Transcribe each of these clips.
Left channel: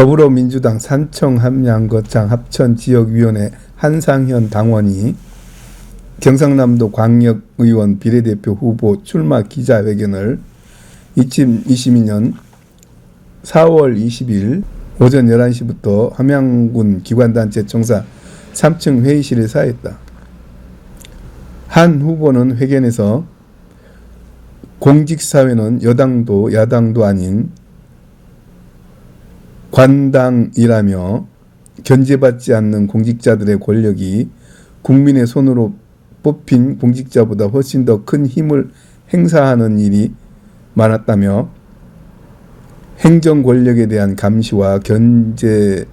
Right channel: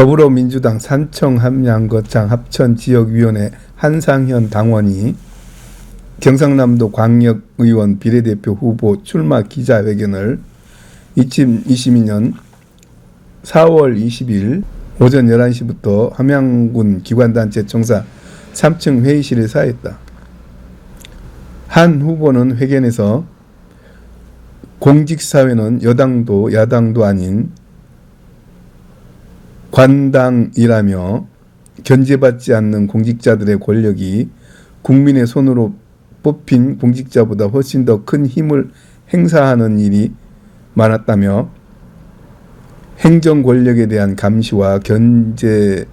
더불어민주당 산청 함양거창 합천지역위원회 한상현 당원이 경상남도 광역의원 비례대표 후보 출마 기자회견을 2022년 4월 20일 오전 11시부터 함양군 기관단체 청사 3층 회의실에서 하였다. 한 후보는 회견에서 공직사회는 여당도 야당도 아닌 관당이라며 견제받지 않는 공직자들의 권력이 국민의 손으로 뽑힌 공직자보다 훨씬 더 큰 힘을 행사하는 일이 많았다며 행정 권력에 대한 감시와 견제의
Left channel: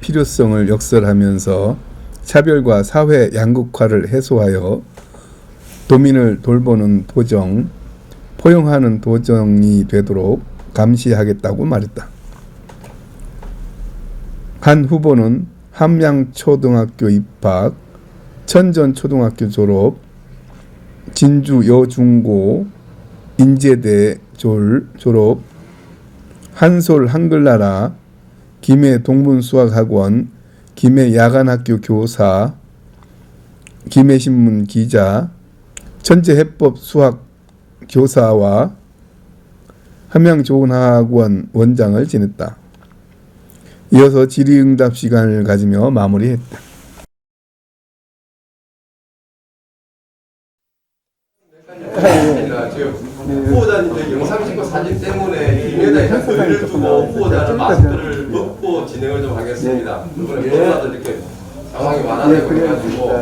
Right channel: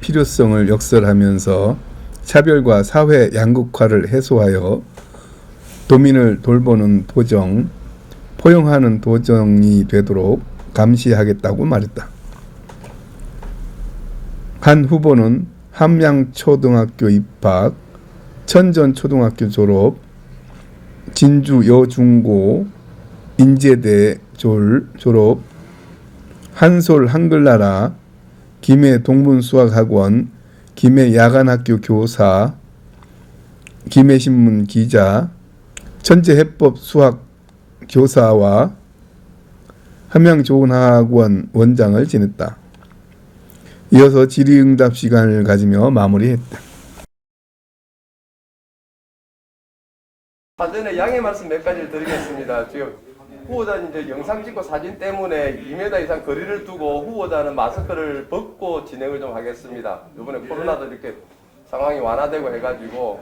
필요성을 역설하면서 차별과 사회 양극화를 해소하여 도민을 돌보는 도정, 포용하는 도정이 되도록 감시하겠다고 말했다. 한 후보는 함양초등학교 입학, 천전초등학교 졸업, 진주 여중고, 인제대 졸업, 한솔 한글나라, 김해 동문수학학원, 김해 야간학교 교사, 김해신문 기자, 천재해법 수학 교사와 함양좋은학원 원장을 지냈다. 이어서 질의응답 시간을 가지며 마무리했다. 사전에 양해 말씀 몇 가지를 드리겠습니다. 지금 후보자님 영상 찍고 사진 때문에 김에다 이상 거리를 두고 후보자는 마스크를 벗고 진행을 좀 하겠습니다. 이번에 코로나도 이렇게 상황이 완화되고 해가지고,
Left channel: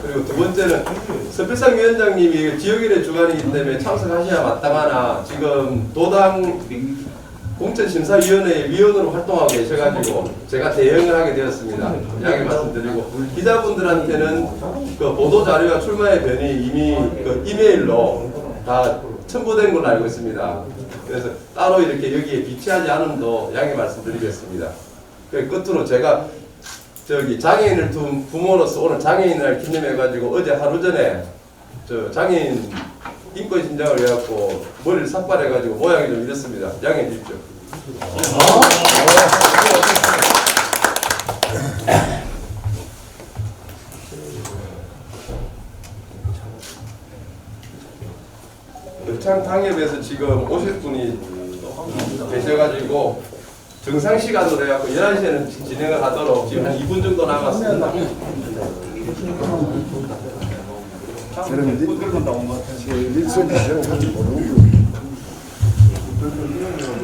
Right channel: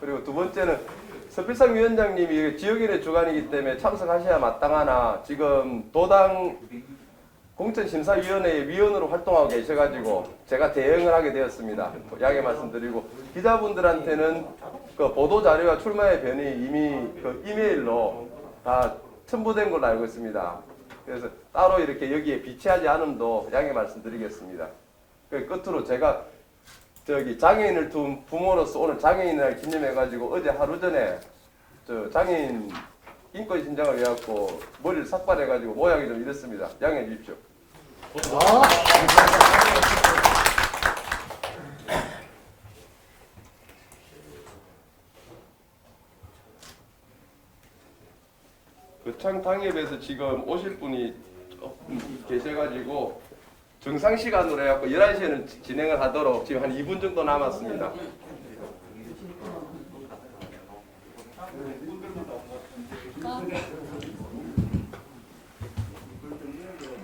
그리고 두 번째는 서필상 위원장님이 지역인의 주관이기 때문에 참석하셔야 마땅하나 지금 도당 공천심사위원회 위원으로 활동하고 계셔가지고 제가 대응을 하게 되었습니다. 양해 말씀드리고, 기자분들한테는 그 보도자료와 출마의 변이 이미 그 이메일로 다 첨부된 걸로 알고 있습니다. 그래서 따로 이렇게 여기에 비치하지 않음도 양해 말씀드리겠습니다. 그 끝으로 제가 장애인을 둔 부모로서 오늘 장애인을 기념해가지고 어제 하루 전에 장애인 인권 신장을 해갖고 머리를 삭발해가지고 모양이 좀 이렇습니다. 양해해 주십시오. 역창당협에서 지금 오실 분이 계셔가지고 정상 시간으로 해갖고 11시에는 진행을 하도록 지금 한 2분 정도 남았습니다.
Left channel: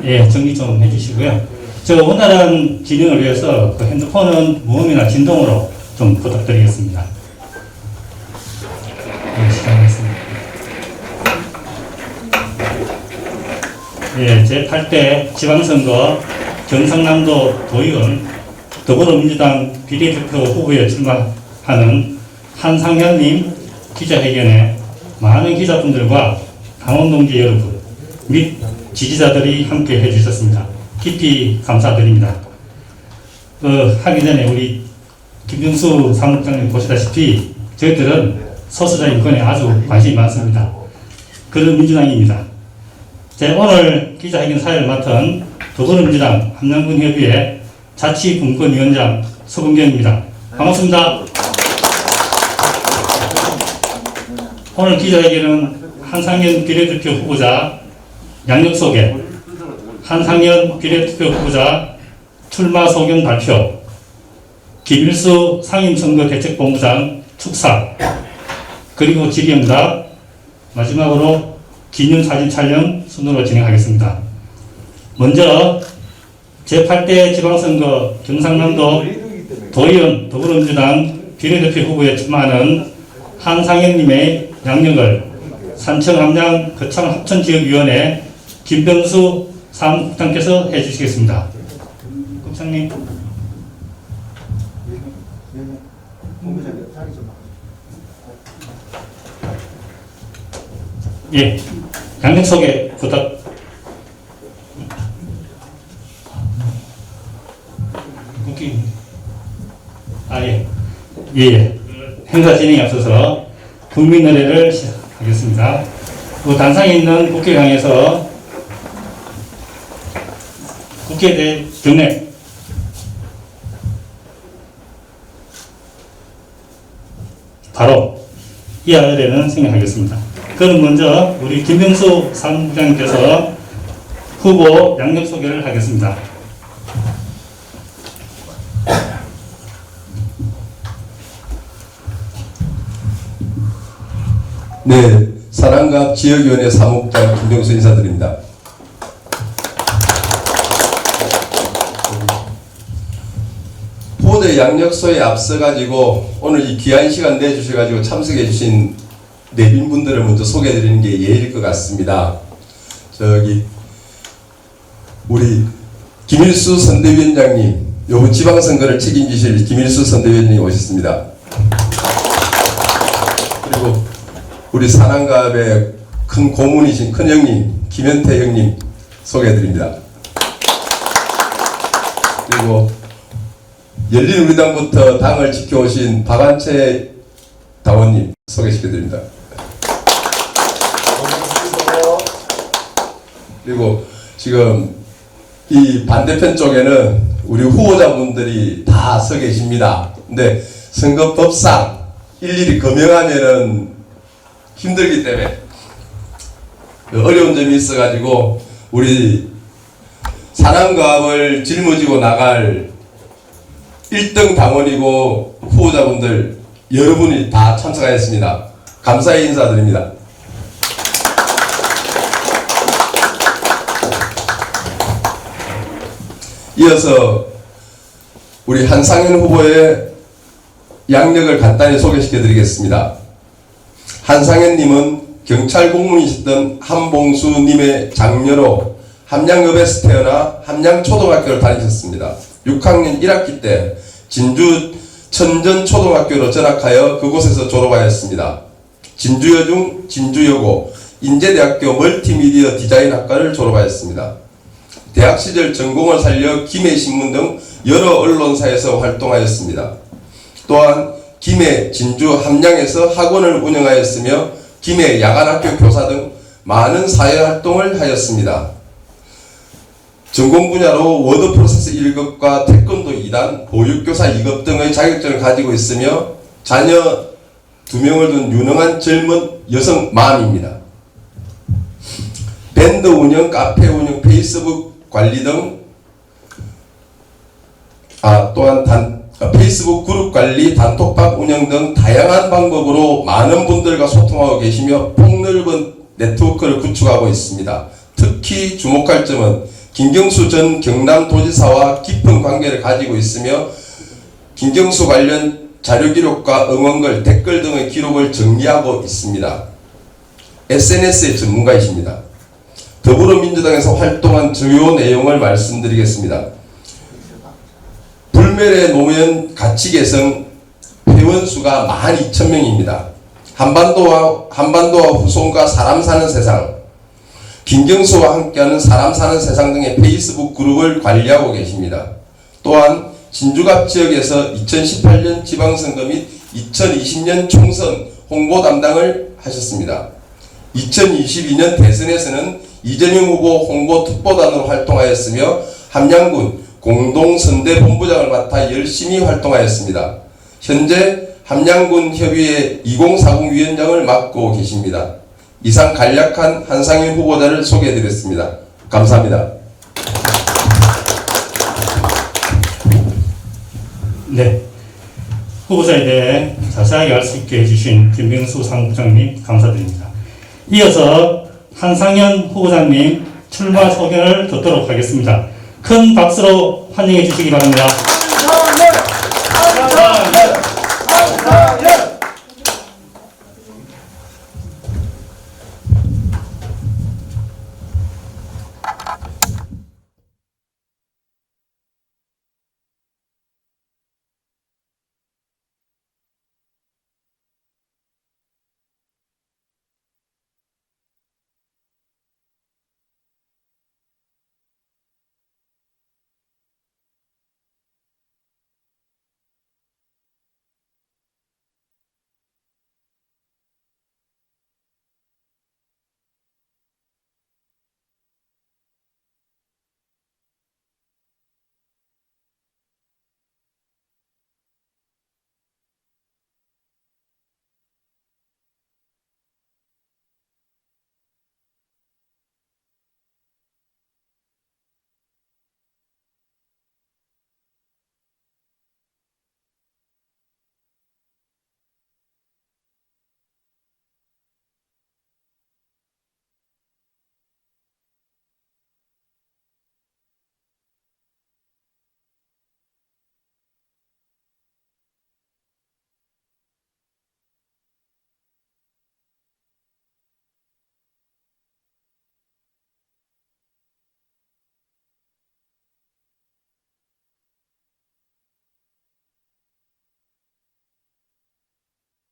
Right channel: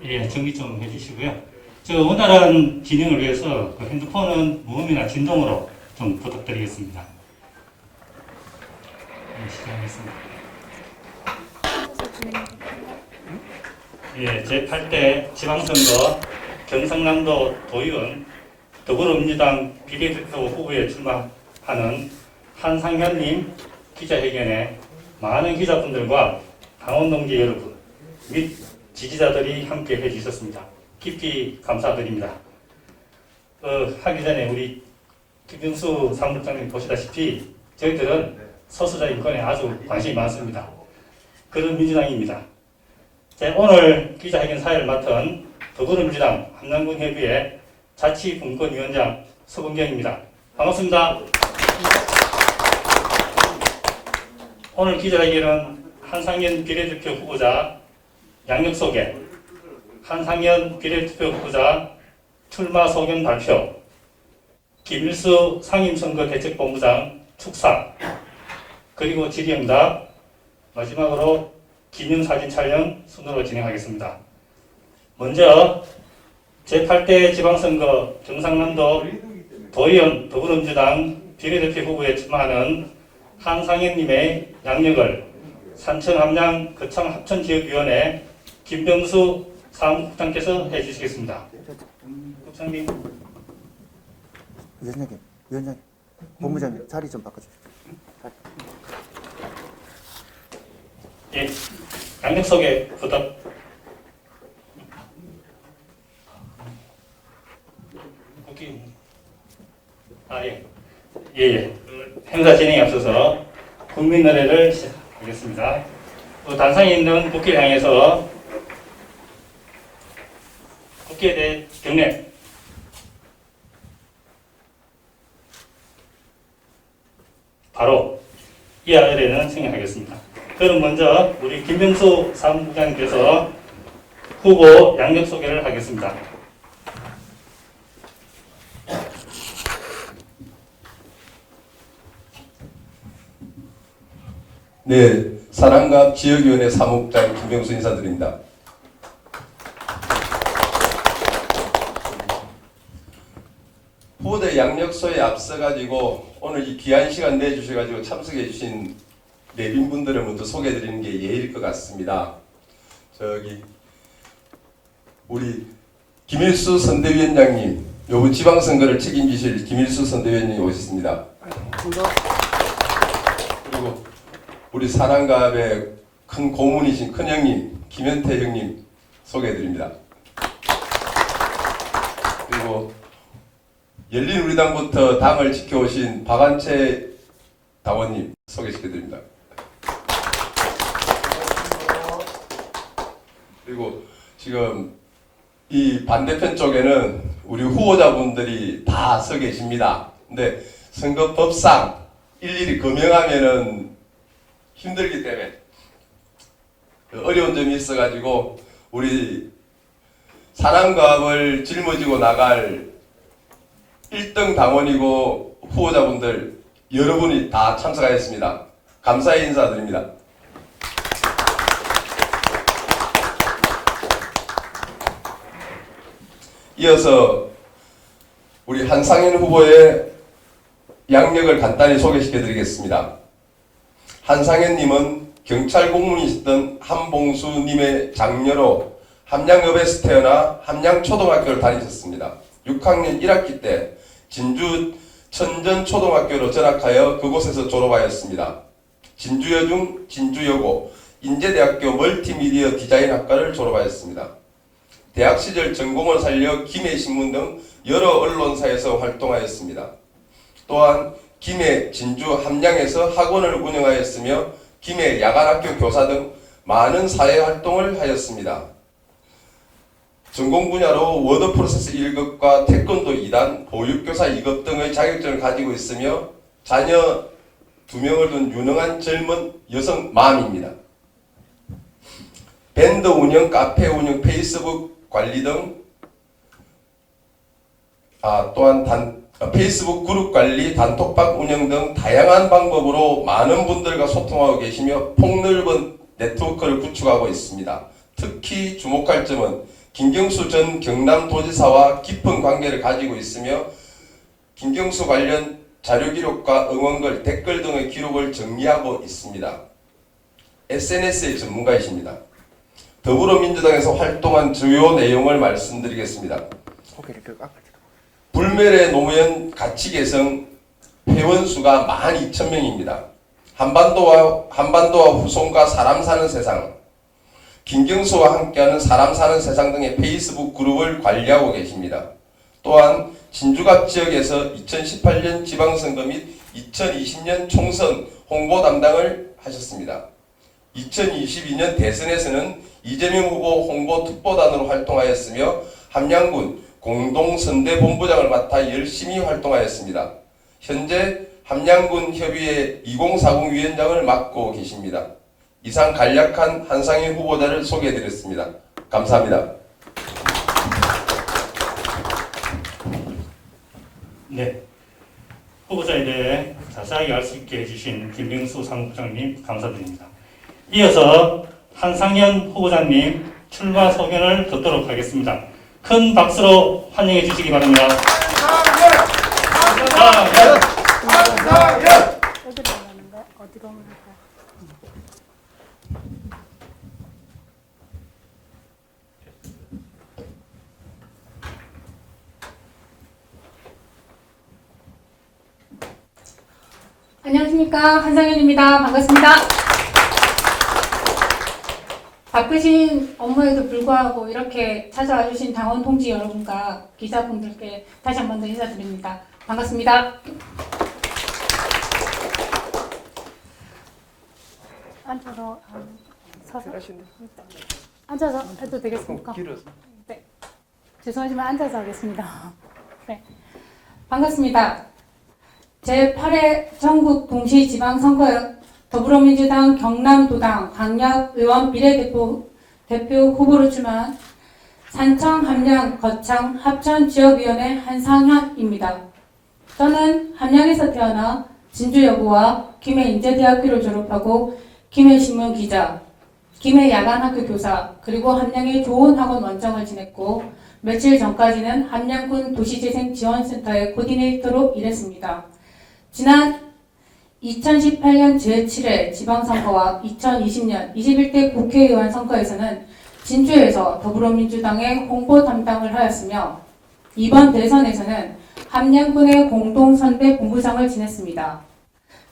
예, 정리 좀 해주시고요. 제가 원활한 진행을 위해서 그 핸드폰은 무음이나 진동으로 좀 부탁드리겠습니다. 네, 시작하겠습니다. 예, 제8대 지방선거 경상남도 도의원 더불어민주당 비례대표 후보에 출마하는 한상현님 기자회견에 많은 기자분들과 당원동지 여러분 및 지지자들이 함께 해주셨습니다. 깊이 감사드립니다. 하기 전에 우리 김병수 사무국장님 보시다시피 저희들은 소수자 인권에 아주 관심이 많습니다. 그런 민주당입니다. 제 오늘 기자회견 사회를 맡은 더불어민주당 함양군협의회 자치분권위원장 서근경입니다. 반갑습니다. 오늘 기자회견은 한상현 비례대표 후보자 양력 소개, 한상현 비례대표 후보자 출마 소견 발표, 김일수 상임선거대책본부장 축사, 그리고 질의응답, 마지막으로 기념사진 촬영 순으로 진행하겠습니다. 먼저 제8대 지방선거 경상남도 도의원 더불어민주당 비례대표 후보에 출마하는 한상현님의 양력을 산청 함양 거창 합천지역위원회 김병수 사무국장께서 해주시겠습니다. 국장님. 본부장님 자리 좀 바꿔주세요. 예, 양력 소개 부탁. 예. 행사 진행에 앞서서 국민 노래를 시작하겠습니다. 단상에 있는 국회를 향해서 국회대 경례. 바로 이어야 되는 생각하겠습니다. 그럼 먼저 우리 김병수 사무장님께서 후보 양력 소개를 하겠습니다. 네, 사랑갑 지역위원회 사무국장 김병수 인사드립니다. 후보자 양력소에 앞서가지고 오늘 이 귀한 시간 내주셔가지고 참석해주신 내빈분들을 먼저 소개해드리는 게 예의일 것 같습니다. 저기 우리 김일수 선대위원장님, 요 지방선거를 책임지실 김일수 선대위원장님 오셨습니다. 그리고 우리 사랑갑의 큰 고문이신 큰형님 김현태 형님 소개해드립니다. 그리고 열린우리당부터 당을 지켜오신 박한채 당원님 소개시켜드립니다. 그리고 지금 이 반대편 쪽에는 우리 후보자분들이 다 서 계십니다. 근데 선거법상 일일이 검명하면은 힘들기 때문에 어려운 점이 있어가지고 우리 사랑갑을 짊어지고 나갈 1등 당원이고 후보자분들 여러분이 다 참석하였습니다. 감사의 인사드립니다. 이어서 우리 한상현 후보의 양력을 간단히 소개시켜 드리겠습니다. 한상현님은 경찰 공무원이셨던 한봉수님의 장녀로 함양읍에서 태어나 함양초등학교를 다니셨습니다. 6학년 1학기 때 진주 천전초등학교로 전학하여 그곳에서 졸업하였습니다. 진주여중, 진주여고, 인제대학교 멀티미디어 디자인학과를 졸업하였습니다. 대학 시절 전공을 살려 김해신문 등 여러 언론사에서 활동하였습니다. 또한 김해, 진주, 함양에서 학원을 운영하였으며 김해 야간학교 교사 등 많은 사회활동을 하였습니다. 전공 분야로 워드 프로세스 1급과 태권도 2단, 보육교사 2급 등의 자격증을 가지고 있으며 자녀 2명을 둔 유능한 젊은 여성 맘입니다. 밴드 운영, 카페 운영, 페이스북 관리 등 또한 페이스북 그룹 관리, 단톡방 운영 등 다양한 방법으로 많은 분들과 소통하고 계시며 폭넓은 네트워크를 구축하고 있습니다. 특히 주목할 점은 김경수 전 경남도지사와 깊은 관계를 가지고 있으며 김경수 관련 자료기록과 응원글, 댓글 등의 기록을 정리하고 있습니다. SNS의 전문가이십니다. 더불어민주당에서 활동한 주요 내용을 말씀드리겠습니다. 불멸의 노무현 가치개성 회원수가 12,000명입니다. 한반도와 후손과 사람 사는 세상, 김경수와 함께하는 사람 사는 세상 등의 페이스북 그룹을 관리하고 계십니다. 또한 진주갑 지역에서 2018년 지방선거 및 2020년 총선 홍보 담당을 하셨습니다. 2022년 대선에서는 이재명 후보 홍보 특보단으로 활동하였으며 함양군 공동선대본부장을 맡아 열심히 활동하였습니다. 현재 함양군 협의회 2040 위원장을 맡고 계십니다. 이상 간략한 한상현 후보자를 소개해드렸습니다. 감사합니다. 네, 후보자에 대해 자세하게 알 수 있게 해주신 김병수 사무국장님 감사드립니다. 이어서 한상현 후보자님 출마 소견을 듣도록 하겠습니다. 큰 박수로 환영해 주시기 바랍니다. 안녕하십니까, 한상현입니다. 반갑습니다. 바쁘신 업무에도 불구하고 이렇게 찾아와 주신 당원 동지 여러분과 기자분들께 다시 한 번 더 인사드립니다. 반갑습니다. 앉아서 서서 앉아서 해도 되겠습니까? 네. 죄송하지만 앉아서 하겠습니다. 네. 반갑습니다. 제8회 전국 동시지방선거 더불어민주당 경남도당 강력의원 비례대표 후보로 출마한 산청, 함양, 거창, 합천 지역위원회 한상현입니다. 저는 함양에서 태어나 진주여고와 김해인제대학교를 졸업하고 김해신문 기자, 김해 야간학교 교사, 그리고 함양의 좋은 학원 원장을 지냈고 며칠 전까지는 함양군 도시재생지원센터의 코디네이터로 일했습니다. 지난 2018년 제7회 지방선거와 2020년 21대 국회의원 선거에서는 진주에서 더불어민주당의 홍보 담당을 하였으며 이번 대선에서는 함양군의 공동선대 본부장을 지냈습니다.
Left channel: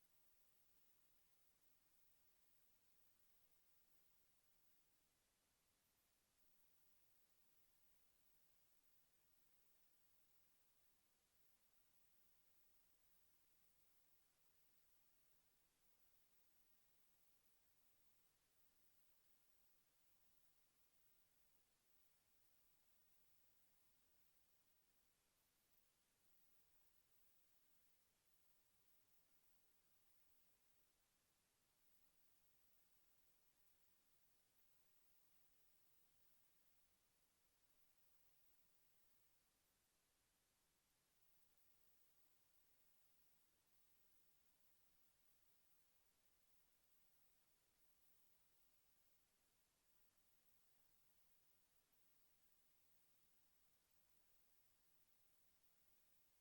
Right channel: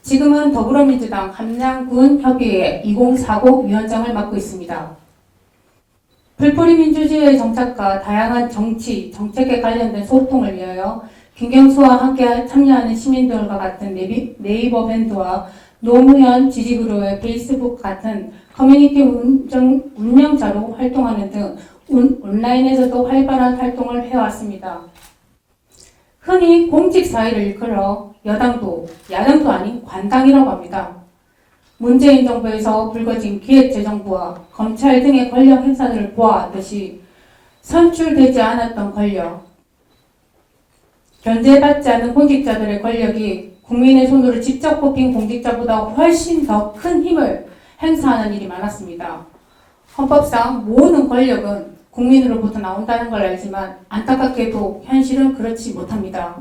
지금은 더불어민주당 함양군 협의회 2040 위원장을 맡고 있습니다. 풀뿌리 민주주의의 정착과 다양한 정치, 정책에 관련된 소통을 위하여 김경수와 함께 참여하는 시민들과 같은 네이버 밴드와 노무현 지지그룹의 페이스북 같은 커뮤니티 운영자로 활동하는 등 온라인에서도 활발한 활동을 해왔습니다. 흔히 공직 사회를 일컬어 여당도 야당도 아닌 관당이라고 합니다. 문재인 정부에서 불거진 기획재정부와 검찰 등의 권력 행사들을 보아왔듯이 선출되지 않았던 권력, 견제받지 않은 공직자들의 권력이 국민의 손으로 직접 뽑힌 공직자보다 훨씬 더 큰 힘을 행사하는 일이 많았습니다. 헌법상 모든 권력은 국민으로부터 나온다는 걸 알지만 안타깝게도 현실은 그렇지 못합니다.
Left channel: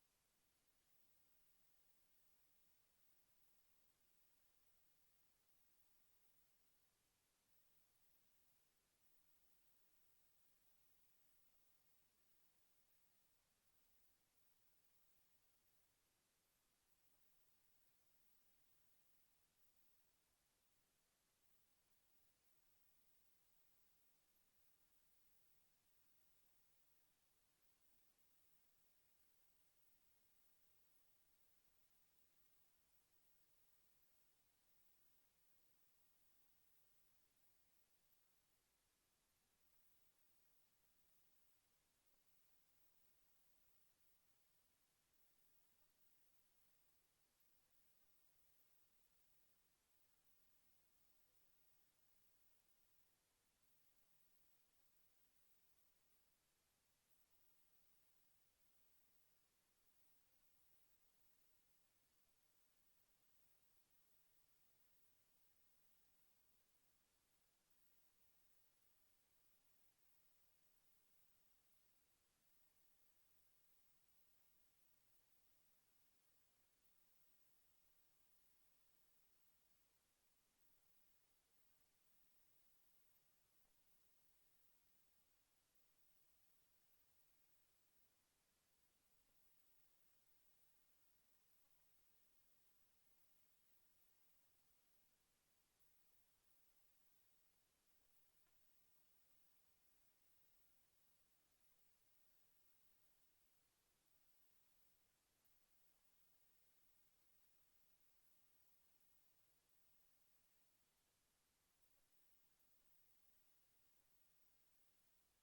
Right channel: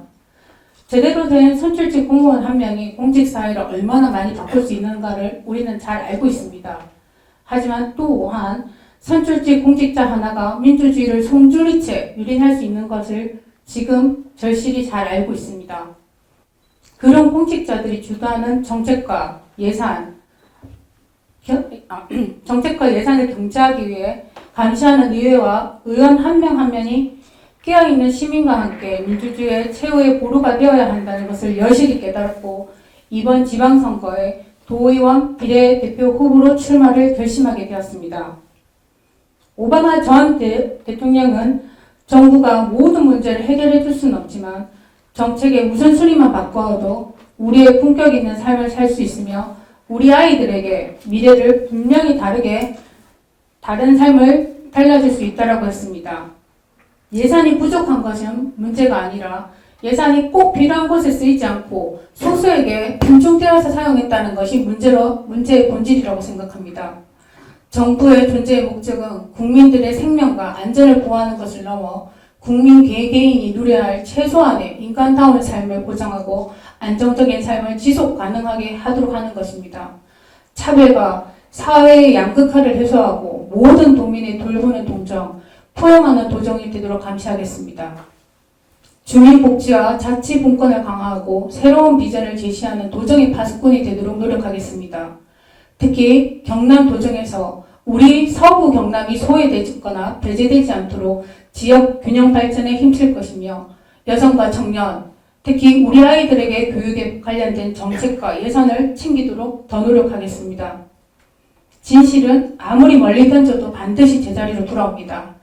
제대로 된 선출직 공무원 한 명이 공직사회를 얼마나 많이 바꿀 수 있는가를 우리는 잘 알고 있습니다. 하지만 또한 선출직 공직자 하나가 민주주의를 송두리째 유린할 수 있는 것을 지금 절실히 잘 알고 있습니다. 그런 공직자들이 주도하는 정책과 예산을 경제하기 위해 감시하는 의회와 의원 한 명 한 명이 깨어있는 시민과 함께 민주주의의 최후의 보루가 되어야 한다는 것을 여실히 깨달았고 이번 지방선거에 도의원 비례대표 후보로 출마를 결심하게 되었습니다. 오바마 전 대통령은 정부가 모든 문제를 해결해 줄 수는 없지만 정책의 우선순위만 바꿔도 우리의 품격 있는 삶을 살 수 있으며 우리 아이들에게 미래를 분명히 다른 삶을 달라질 수 있다고 했습니다. 예산이 부족한 것은 문제가 아니라 예산이 꼭 필요한 곳에 쓰이지 않고 소수에게 분중되어서 사용했다는 것이 문제의 본질이라고 생각합니다. 정부의 존재의 목적은 국민들의 생명과 안전을 보호하는 것을 넘어 국민 개개인이 누려야 할 최소한의 인간다운 삶을 보장하고 안정적인 삶을 지속 가능하게 하도록 하는 것입니다. 차별과 사회의 양극화를 해소하고 모든 도민의 돌보는 동정, 포용하는 도정이 되도록 감시하겠습니다. 주민복지와 자치분권을 강화하고 새로운 비전을 제시하는 도정의 파수꾼이 되도록 노력하겠습니다. 특히 경남 도정에서 우리 서부 경남이 소외되거나 배제되지 않도록 지역 균형 발전에 힘쓸 것이며 여성과 청년, 특히 우리 아이들에게 교육에 관련된 정책과 예산을 챙기도록 더 노력하겠습니다. 진실은 아무리 멀리 던져도 반드시 제자리로 돌아옵니다.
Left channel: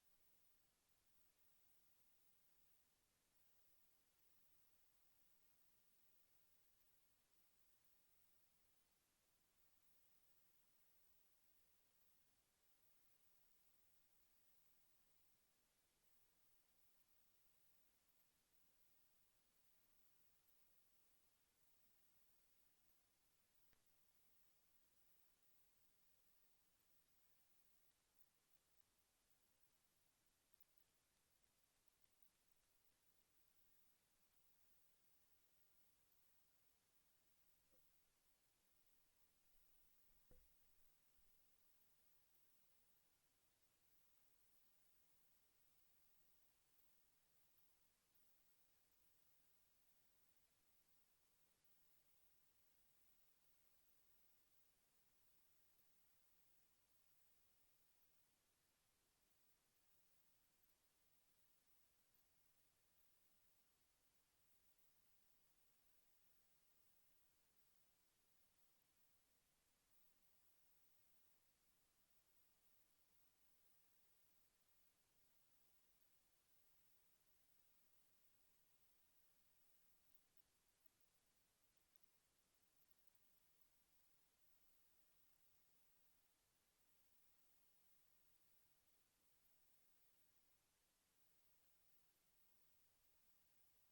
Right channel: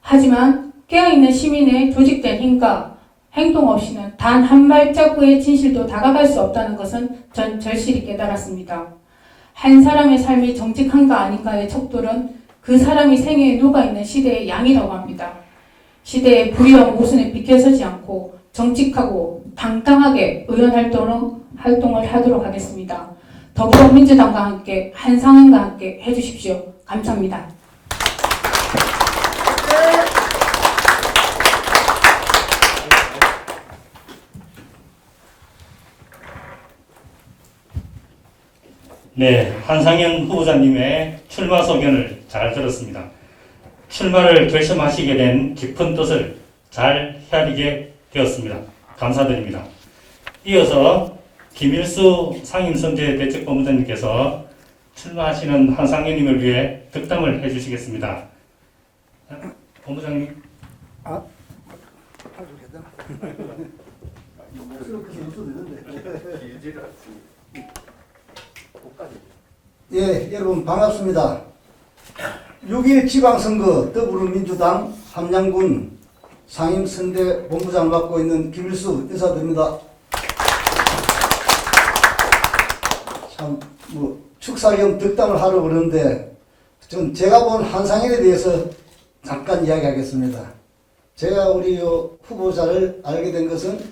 하지만 깨어있는 시민의 조직된 힘과 행동 없이는 단 한 발자국의 진실도 다가갈 수 없다는 것은 전 절실히 깨달았습니다. 한 사람의 삶이 정직한가 아닌가의 척도는 그 사람이 생애에 녹아있는 시대의 양이라고 합니다. 시대의 부유와 모순에 비켜서지 않고 정직하고 당당하게 의원 활동을 하도록 하겠습니다. 더불어민주당과 함께 한상현과 함께 해주십시오. 감사합니다. 네, 한상현 후보자님의 출마 소견을 잘 들었습니다. 출마를 결심하시게 된 깊은 뜻을 잘 헤아리게 되었습니다. 감사드립니다. 이어서 김일수 상임선대대책본부장님께서 출마하시는 한상현님을 위해 득담을 해주시겠습니다. 본부장님. 예, 여러분 반갑습니다. 6.1 지방선거 더불어민주당 함양군 상임선대 본부장을 맡고 있는 김일수 인사드립니다. 참 축사 겸 덕담을 하러 그러는데 좀 제가 본 한상현에 대해서 잠깐 이야기하겠습니다. 제가 우리 후보자를 알게 된 것은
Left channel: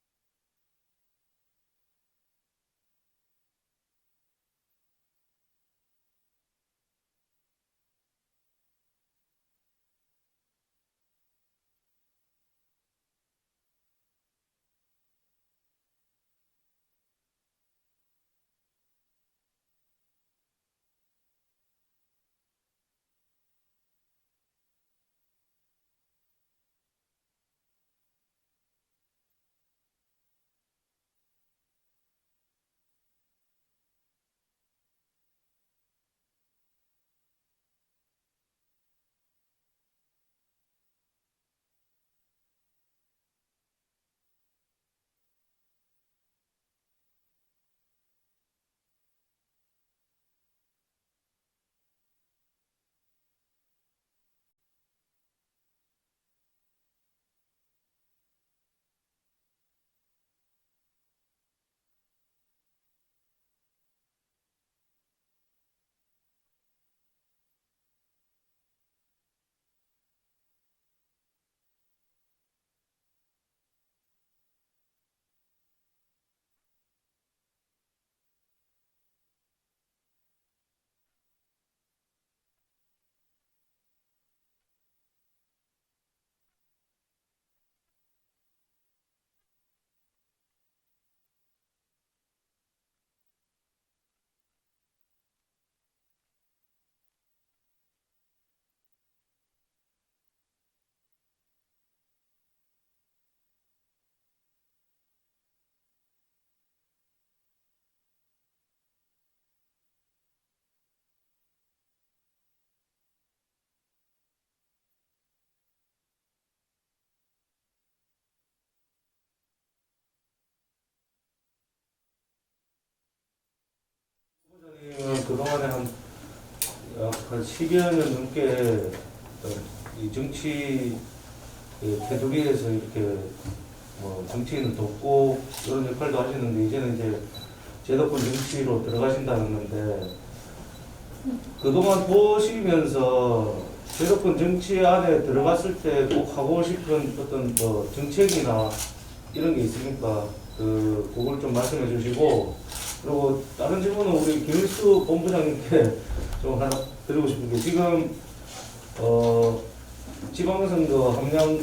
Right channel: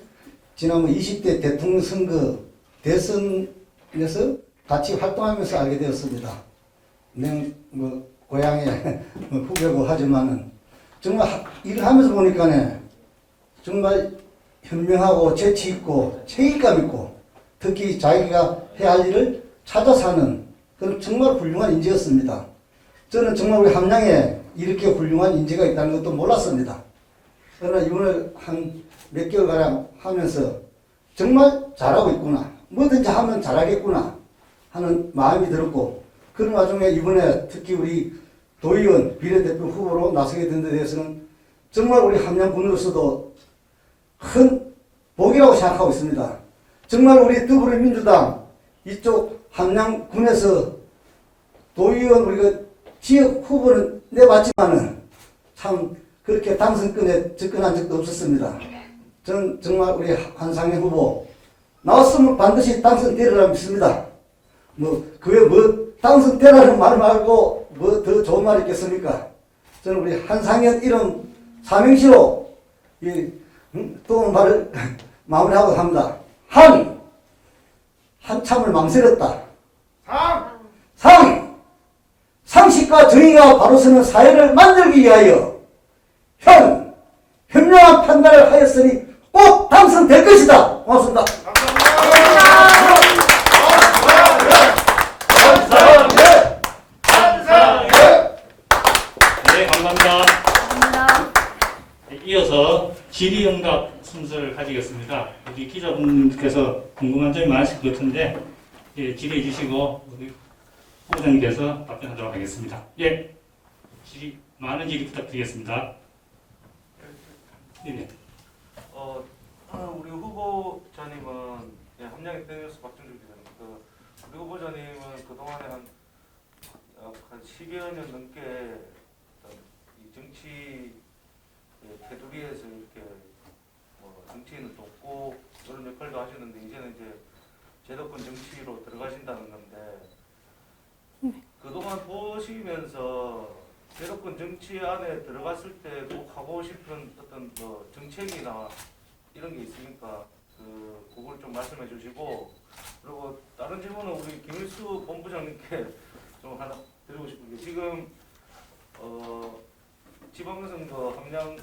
지난번 20대 대통령 선거 대선에서 같이 활동하면서 알게 되었습니다. 고향의 후배고 하지만은 정말 일을 하면서 보니까 정말 현명하고 재치 있고 책임감 있고 특히 자기가 해야 할 일을 찾아서 하는 그런 정말 훌륭한 인재였습니다. 저는 정말 우리 함양에 이렇게 훌륭한 인재가 있다는 것도 몰랐습니다. 그러나 이번에 한 몇 개월가량 하면서 정말 잘하고 있구나. 뭐든지 하면 잘하겠구나 하는 마음이 들었고 그런 와중에 이번에 특히 우리 도의원 비례대표 후보로 나서게 된 데 대해서는 정말 우리 함양군으로서도 큰 복이라고 생각하고 있습니다. 정말 우리 더불어민주당 이쪽 함양군에서 도의원 우리가 지역 후보는 내봤지만은 참 그렇게 당선권에 접근한 적도 없었습니다. 저는 정말 우리 한상현 후보 나왔으면 반드시 당선되리라 믿습니다. 그게 당선되라는 말 말고 뭐 더 좋은 말이 있겠습니까? 저는 우리 한상현 이름 삼행시로 또 말을 마무리하고 합니다. 한참을 망설였다. 상식과 정의가 바로 서는 사회를 만들기 위하여 현명한 판단을 하였으니 꼭 당선될 것이다. 고맙습니다. 네, 감사합니다. 이어서 질의응답 순서를 가지겠습니다. 우리 기자분께서 궁금한 점이 많으실 것 같은데 질의해 주시고 우리 후보자님께서 답변하도록 하겠습니다. 예, 많은 질의 부탁드리겠습니다. 네. 우리 후보자님은 함양의 땡뉴스 박준주 기자입니다. 우리 후보자님은 그동안에 한 10여 년 넘게 이 정치 테두리에서 이렇게 정치인을 돕고 이런 역할도 하시는데 이제는 이제 제도권 정치로 들어가신다는 건데 그동안 보시면서 제도권 정치 안에 들어갔을 때 꼭 하고 싶은 어떤 정책이나 이런 게 있으니까 그걸 좀 말씀해 주시고 그리고 다른 질문은 우리 김일수 본부장님께 좀 하나 드리고 싶은 게 지금 지방선거 함양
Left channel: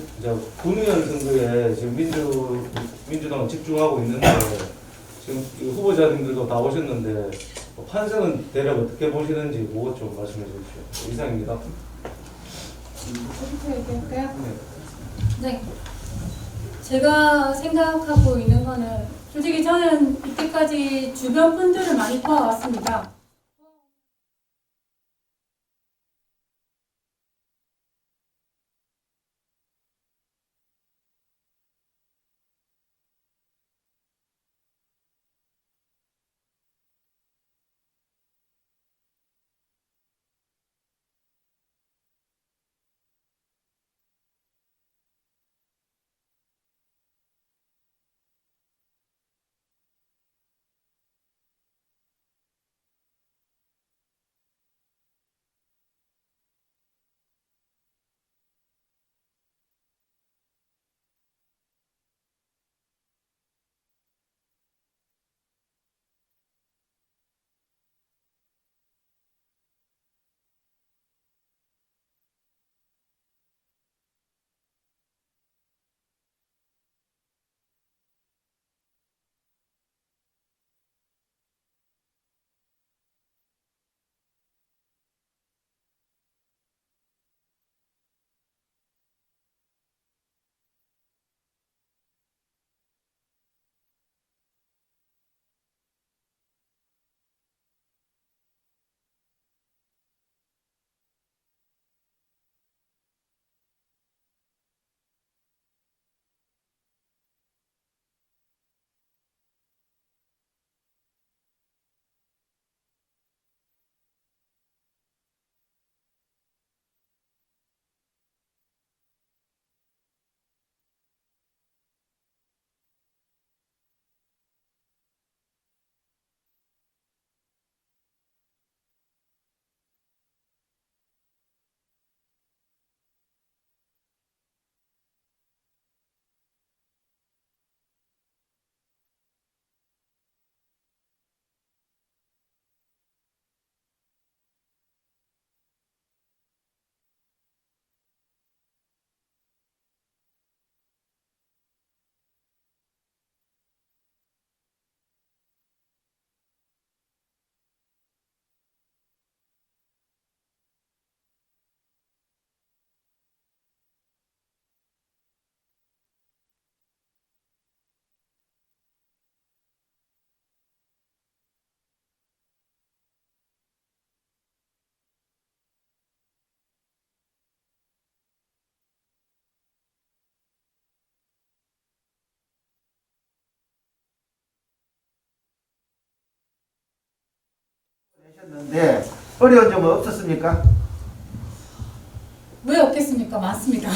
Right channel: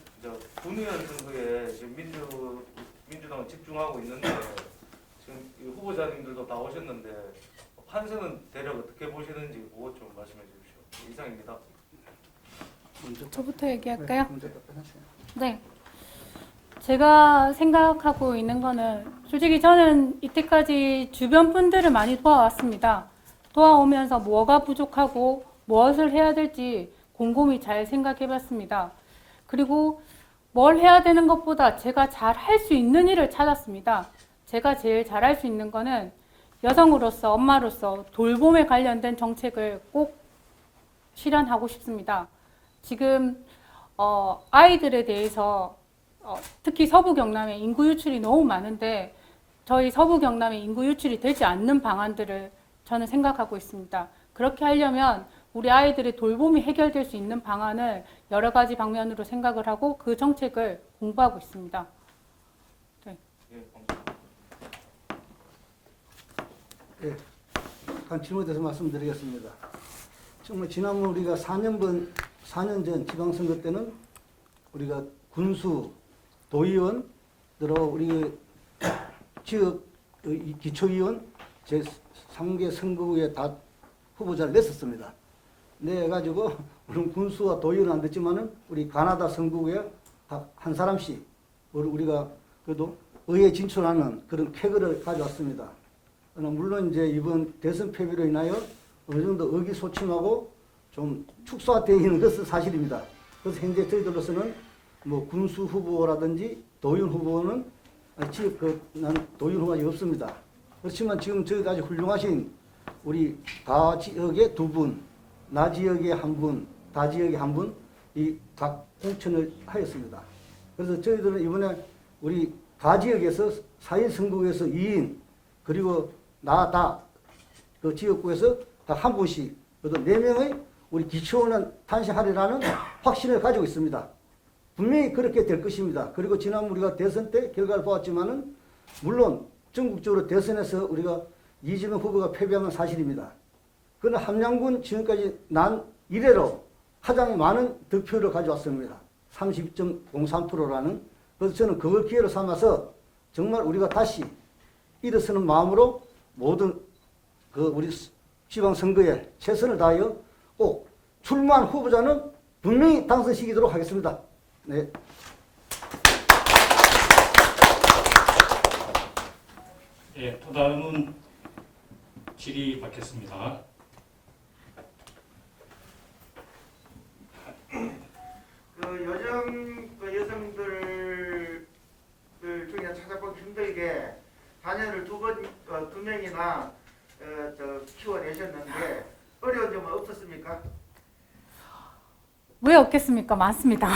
군의원 선거에 지금 민주당은 집중하고 있는데 지금 후보자님들도 다 오셨는데 판세는 대략 어떻게 보시는지 그것 좀 말씀해 주십시오. 이상입니다. 저부터 얘기할까요? 네. 제가 생각하고 있는 거는 솔직히 저는 이때까지 주변 분들을 많이 도와왔습니다. 도와오면서 뭐가 부족하고 무엇을 해야 될지 곰곰이 잘 생각해봤습니다. 그리고 뭘 해야 되는 것보다 제가 잘 할 수 있는 일을 찾았습니다. 제가 제일 잘할 수 있는 거는 여성으로서 엄마로서 돌봄에 관련된 정책을 꼭 실현하고 싶습니다. 지금 아이들에 대해서 특히 서부 경남에 인구 유출이 너무 많은데 저희 서부 경남에 인구 유출이 되지 않는 방안들을 저는 생각하고 있습니다. 그렇게 하려면 우리 아이들의 돌봄이 해결될 수 있는 방안을 여러 가지 방면으로 생각을 하고 그 정책을 공부하고 있습니다. 네. 한 질문에 대해서 말씀드리겠습니다. 정말 지난번 우리가 4년 전 지방선거 때는 우리가 군수, 도의원들하고 우리 지역 기초의원 제3개 선거구에 다 후보자를 냈었습니다. 내가지고 물론 군수와 도의원은 안 됐지만은 우리 가나다 선거구에 한 사람씩 우리가 그래도 의회 진출하는 그런 쾌거를 가져왔습니다. 물론 이제 이번 대선 패배로 인하여 어느 정도 의기소침하고 좀 축소되어 있는 것은 사실입니다. 그래서 현재 저희들로서는 군수 후보라든지 도의원 후보는 난 도의원 후보가 없습니다. 그렇지만 지금 저희까지 훌륭하신 우리 가 지역에 2분, 나 지역에 1분, 다 지역에 1분 이 각 공천을 하였습니다. 그래서 저희들은 이번에 우리 가지역에서 4인 선거구에서 2인 그리고 그 지역구에서 다 한 분씩 그래서 4명의 우리 기초원은 탄생하리라는 확신을 가지고 있습니다. 분명히 그렇게 될 것입니다. 그리고 지난 우리가 대선 때 결과를 보았지만은 물론 전국적으로 대선에서 우리가 이재명 후보가 패배한 건 사실입니다. 그러나 함양군 지금까지 난 이래로 가장 많은 득표를 가져왔습니다. 32.03%라는. 그래서 저는 그걸 기회로 삼아서 정말 우리가 다시 일어서는 마음으로 모든 그 우리 지방선거에 최선을 다하여 꼭 출마한 후보자는 분명히 당선시키도록 하겠습니다. 네. 예, 또 다음은 질의 받겠습니다. 여성들 중에 찾아보기 힘들게 자녀를 두 명이나 키워내셨는데 네. 어려운 점은 없었습니까? 왜 없겠습니까? 많습니다.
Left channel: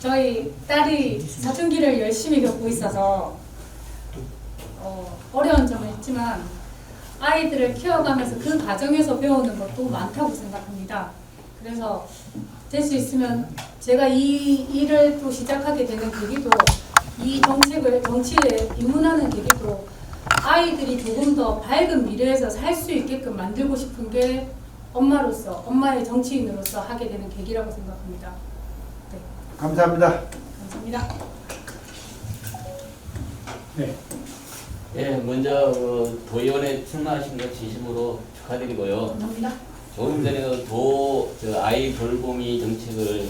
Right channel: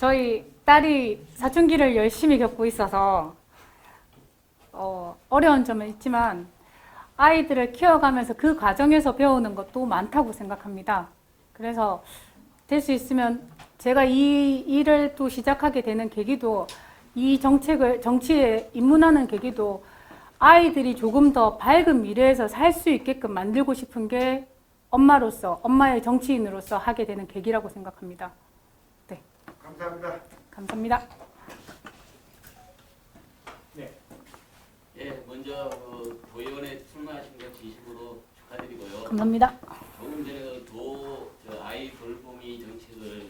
저희 딸이 사춘기를 열심히 겪고 있어서 어려운 점은 있지만 아이들을 키워가면서 그 과정에서 배우는 것도 많다고 생각합니다. 그래서 될 수 있으면 제가 이 일을 또 시작하게 되는 계기도 이 정치에 입문하는 계기도 아이들이 조금 더 밝은 미래에서 살 수 있게끔 만들고 싶은 게 엄마로서 엄마의 정치인으로서 하게 되는 계기라고 생각합니다. 네. 감사합니다. 감사합니다. 네. 예, 먼저 도의원에 출마하신 것 진심으로 축하드리고요. 감사합니다. 조금 전에 아이 돌보미 정책을